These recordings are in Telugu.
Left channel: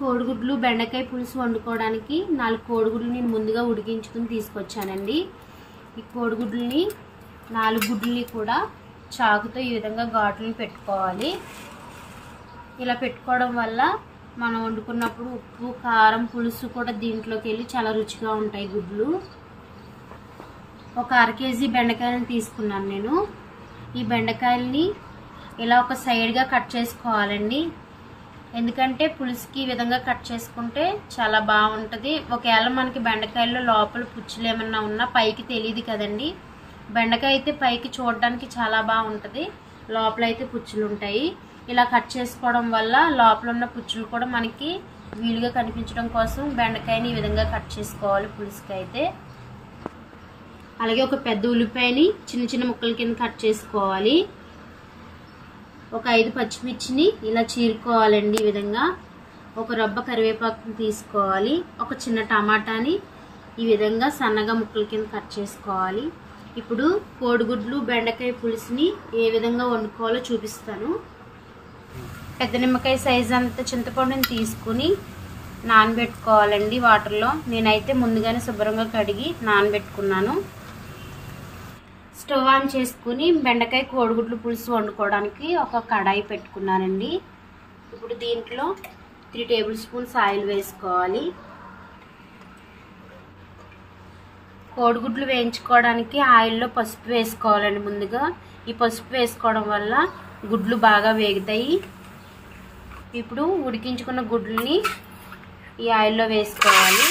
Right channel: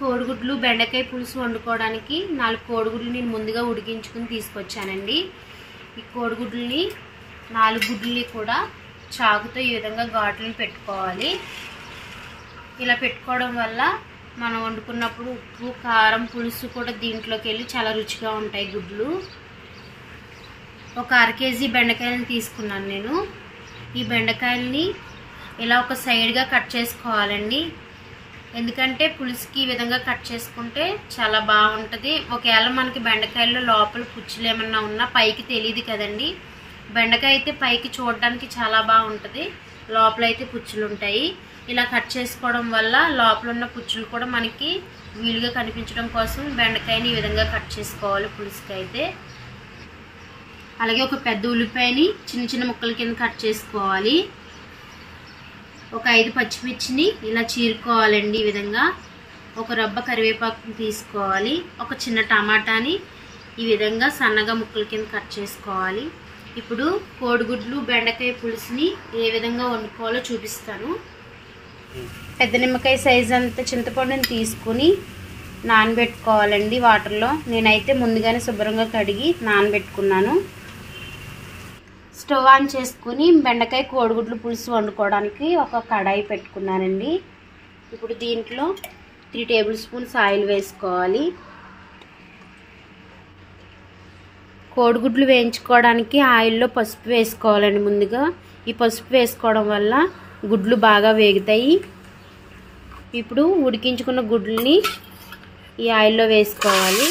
కోడిగుడ్లు బెండకాయ పులుసు వండుకోవడానికి 4 కోడిగుడ్లు నేను ముందుగా ఉడికించుకుని తీసుకొచ్చానండి. ఈ కోడిగుడ్లని 4 గుడ్లని కూడా చాకుతో ఈ విధంగా ఘాట్లను పెట్టుకోవాలి. ఇలా పెట్టుకోవడం వల్ల మనం వండుకున్నప్పుడు ఉప్పు కారం పులుసు కూడా దీంట్లోకి వెళ్ళి చాలా రుచిగా ఉంటాయి. గుడ్లు ఒక 1/2 కేజీ బెండకాయలను తీసుకున్నాను నేను. ఈ బెండకాయలని ఇలా ఒక సైడ్గా కట్ చేసుకోవాలండి. ఎందుకంటే పులుసుకి ఈ విధంగా కట్ చేసుకుంటే చాలా బాగుంటుంది. ఒకవేళ మనకి బెండకాయల్లో లోపల పుచ్చులు ఏమన్నా ఉన్నా పైకి తెలియదు కదండి. బెండకాయ అయితే పైకి చూడడానికి చాలా బాగుంటుంది, లోపల అయితే పుచ్చులు ఉంటాయి. ఇలా కట్ చేసుకోవడం వల్ల లోపల ఉన్న పుచ్చులు కూడా మనకి వీలుగా కనిపించడం కోసం బెండకాయని ఈ విధంగా కట్ చేసుకోవాలి పులుసుకి అయితే. అలాగే ఒక పెద్ద ఉల్లిపాయని చిన్న చిన్న ముక్కల కింద కట్ చేసుకోవాలి. ఒక 5 పచ్చిమిర్చిని ఇలా చీరుకోవాలండి. ఈ విధంగా ఒక రబ్బ కరివేపాకుని తీసుకోవాలి. ఒక చిన్న టమాటాని ఈ విధంగా సన్నగా ముక్కల కింద కట్ చేసుకోవాలి. ఇప్పుడు కోడిగుడ్లు బెండకాయ పులుసుని ఏ విధంగా వండుకోవాలో చూపిస్తాను. పెద్ద నిమ్మకాయ సైజు అంత చింతపండుని తీసుకుని నానబెట్టుకోవాలండి వాటర్లో. నేనైతే ముందుగానే శుభ్రంగా కడిగి నానబెట్టుకున్నాను. స్టవ్ ఆన్ చేసుకుని బెండకాయ కోడిగుడ్లు పులుసు వండుకోవడానికి ఒక కడాయి పెట్టుకున్నానండి. ఇప్పుడు దీంట్లో 3 టేబుల్ స్పూన్స్ ఆయిల్ వేసుకోవాలి. కోడిగుడ్లు వేయించుకోవడానికి ఆయిల్లో పసుపు వేసుకోవాలండి ముందుగా. ఈ పసుపు వేసుకోవడం వల్ల గుడ్లు బాగా వేగుతాయి. ఇప్పుడు ఉడికించుకున్న గుడ్లని ఈ ఆయిల్లో వేసుకోవాలి.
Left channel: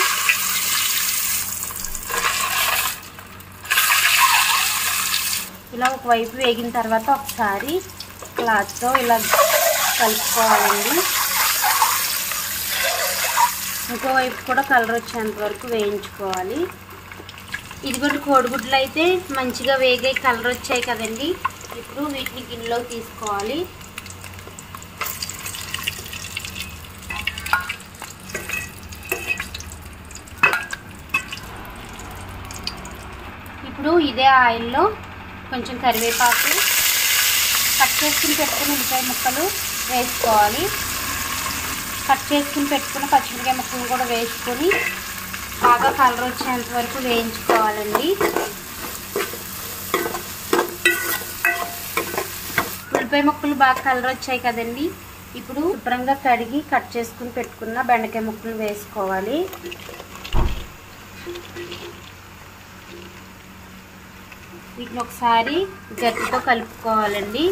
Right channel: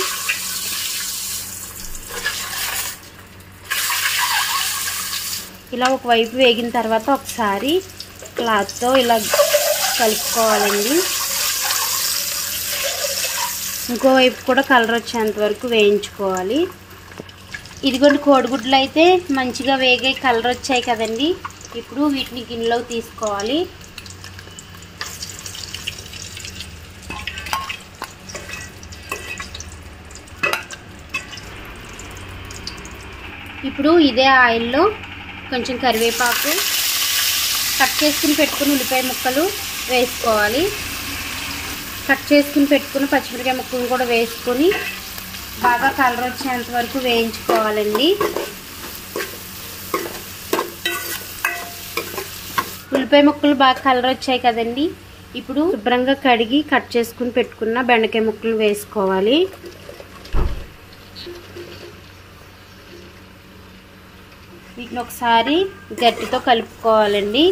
ఇలా ఒకవైపు వేగిన తర్వాత ఒకసారి క్లాత్తో ఇలా కలుపుకోవాలండి. ఇంకోవైపు కూడా కలర్ వచ్చేంత వరకు వేయించుకోవాలి. ఇదిగోండి కోడిగుడ్లు అయితే మంచిగా వేగే కలర్ వచ్చాయి కదండి. ఇప్పుడు వీటిని గిన్నెలోకి తీసుకోవాలి. ఇప్పుడు ఇదే ఆయిల్లో కొంచెం కరివేపాకు, కట్ చేసుకుని పెట్టుకున్న ఉల్లిపాయ ముక్కలు వేసుకోవాలి. కట్ చేసుకుని పెట్టుకున్న పచ్చిమిరపకాయ ముక్కలు కూడా వేసుకొని బాగా కలర్ వచ్చేంత వరకు వేయించుకోవాలండి. ఉల్లిపాయ ముక్కలు బాగా కలర్ వచ్చాయి కదండి. ఇప్పుడు శుభ్రంగా కడిగి కట్ చేసుకుని పెట్టుకున్న బెండకాయ ముక్కలు వేసుకోవాలి. వీటిని ఒకసారి గట్టితో కలుపుకోవాలండి.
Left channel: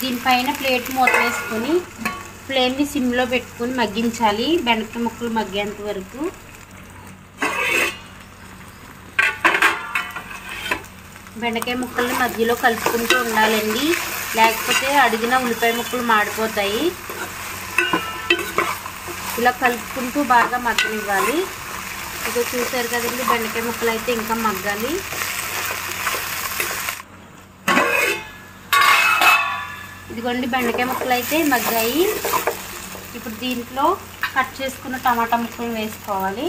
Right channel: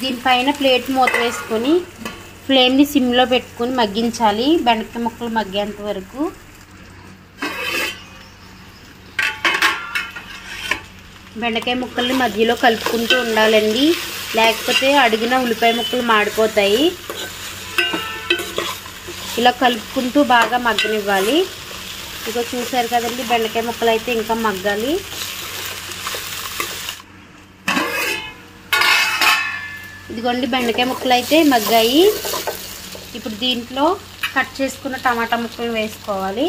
దీనిపైన ప్లేట్ మూత వేసుకొని ఫ్లేమ్ని సిమ్లో పెట్టుకొని మగ్గించాలి బెండకాయ ముక్కలు మగ్గేంత వరకు. బెండకాయ ముక్కల్ని మధ్యలో కలుపుకుంటూ ఉండాలండి, లేకపోతే అడిగిన ఉల్లిపాయ ముక్కలు మాడిపోతాయి. ఇలా కలుపుకుంటూ బాగా మగ్గనివ్వాలి. ఇక చూసారు కదండి, బెండకాయ ముక్కలు అయితే ఇంకా మగ్గాలి. ఇదిగోండి బెండకాయ ముక్కలు అయితే మగ్గాయి. ఇప్పుడు దీంట్లో కట్ చేసుకున్న టమాటా ముక్కలు వేసుకోవాలి.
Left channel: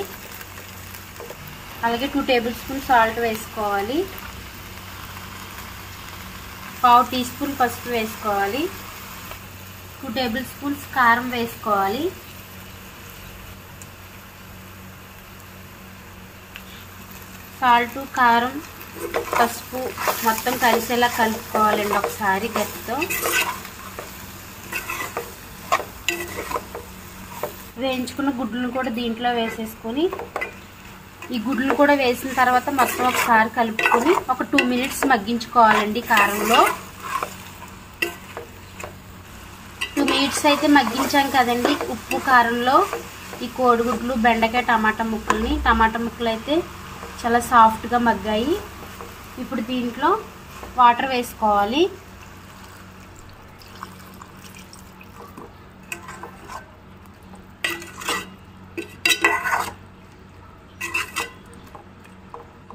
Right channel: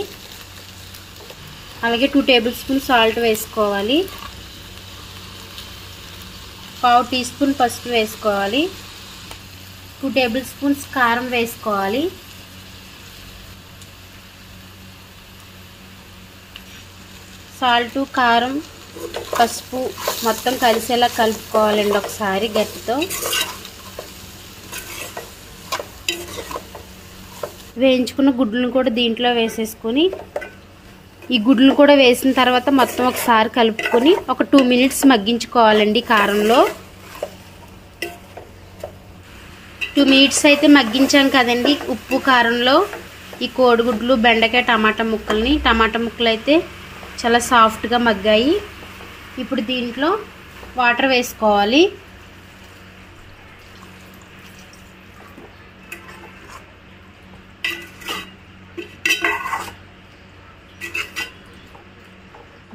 అలాగే 2 టేబుల్ స్పూన్ సాల్ట్ వేసుకోవాలి. 1/2 టీ స్పూన్ పసుపు వేసుకోవాలి. 2 టేబుల్ స్పూన్స్ కారం వేసుకోవాలి. సాల్ట్ కారం పసుపు మొత్తం కలిసేలా కలుపుకోవాలండి ఒకసారి గట్టితో. వేయించుకున్న గుడ్లను కూడా దీంట్లో వేసేసుకొని ఈ గుడ్లు కూడా వేసిన తర్వాత మొత్తం ఒకసారి కలుపుకొని ఒక 2 మినిట్స్ మగ్గించుకోవాలండి కారంలో. 2 మినిట్స్ అయితే మగ్గించాం కదండి ఉప్పు కారంలో. ఈ కోడిగుడ్లు బెండకాయ టమాటా ముక్కలు అయితే చాలా సాఫ్ట్గా మగ్గాయి. ఇప్పుడు దీంట్లో వాటర్ వేసుకోవాలి.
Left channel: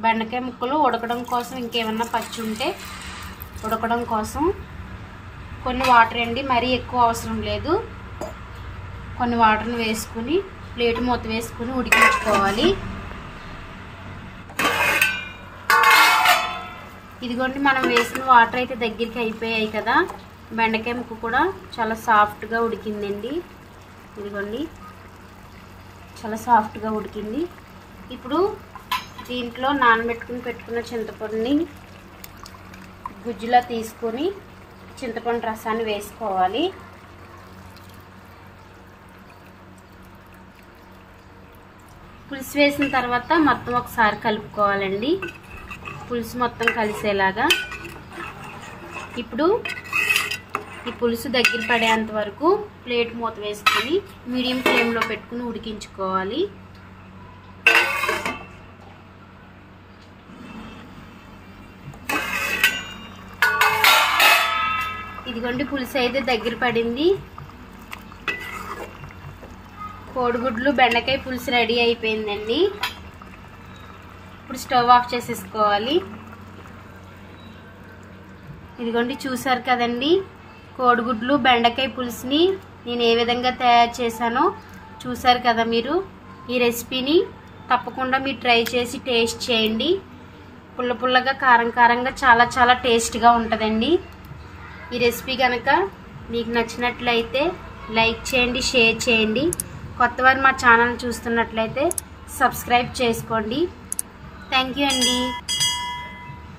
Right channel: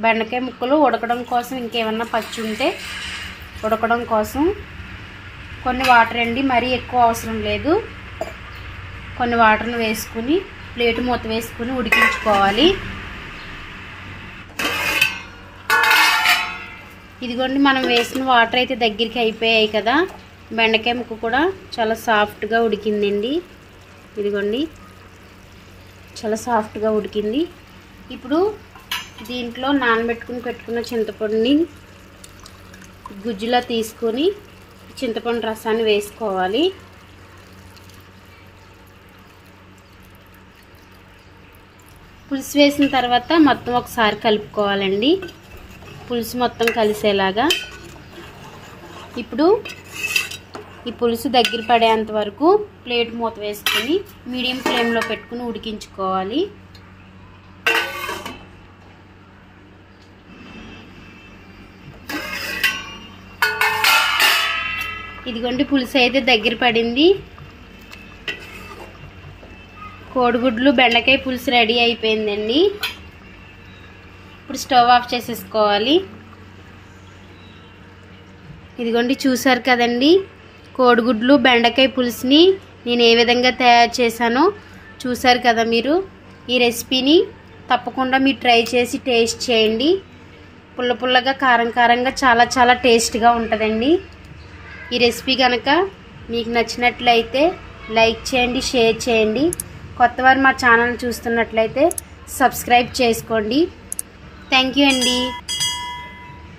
బెండకాయ ముక్కలు ఉడకడం కోసం ఇంకేమన్నా పచ్చి ఉంటే ఉడకడం కోసం కొన్ని వాటర్ అండి, మరీ ఎక్కువ అవసరం లేదు. కొన్ని వాటర్ని వేసుకుని ప్లేట్ మూత వేసుకుని ఉడికించుకోవాలి. ఇదిగోండి మనం వేసిన వాటర్ అయితే దగ్గరికి అయిపోయాయి కదా. బెండకాయ ముక్క కూడా చాలా సాఫ్ట్గా ఉడికిందండి. ఇదిగోండి చాలా సాఫ్ట్గా ఉడికింది. ఇప్పుడు దీంట్లో నానబెట్టుకుని పెట్టుకున్న చింతపండుని గుజ్జులా తీసుకొని చింతపండు రసాన్ని వేసుకోవాలి. పులుసు వేసిన తర్వాత మొత్తం ఒకసారి కలుపుకోవాలండి, పులుసు మొత్తం కలిసేలాగా. ఇప్పుడు ఈ పులుసు దగ్గర పడేంత వరకు ప్లేట్ మూత వేసుకొని మీడియం ఫ్లేమ్లో పెట్టుకుని ఉడికించుకోవాలి. ఇదిగోండి పులుసు అయితే దగ్గర పడింది. కోడిగుడ్లు బెండకాయ పులుసు రెడీ అయిపోయిందండి. ఇప్పుడు స్టవ్ ఆఫ్ చేసేసుకోవాలి. ఇదిగోండి చూసారు కదండి, కోడిగుడ్లు బెండకాయ పులుసుని నేను ఏ విధంగా తయారు చేశానో చూసారు కదా మీరు. ఈ రెసిపీని తప్పకుండా మీరు ట్రై చేసి టేస్ట్ చేయండి. పుల్ల పుల్లగా కారం కారంగా చాలా చాలా టేస్ట్గా ఉంటుందండి. ఈ రెసిపీ కనుక మీకు నచ్చినట్లయితే లైక్ చేయండి, షేర్ చేయండి. కొత్తవారు మా ఛానల్ చూస్తున్నట్లయితే సబ్స్క్రైబ్ చేసుకోండి. థ్యాంక్ యూ అండి.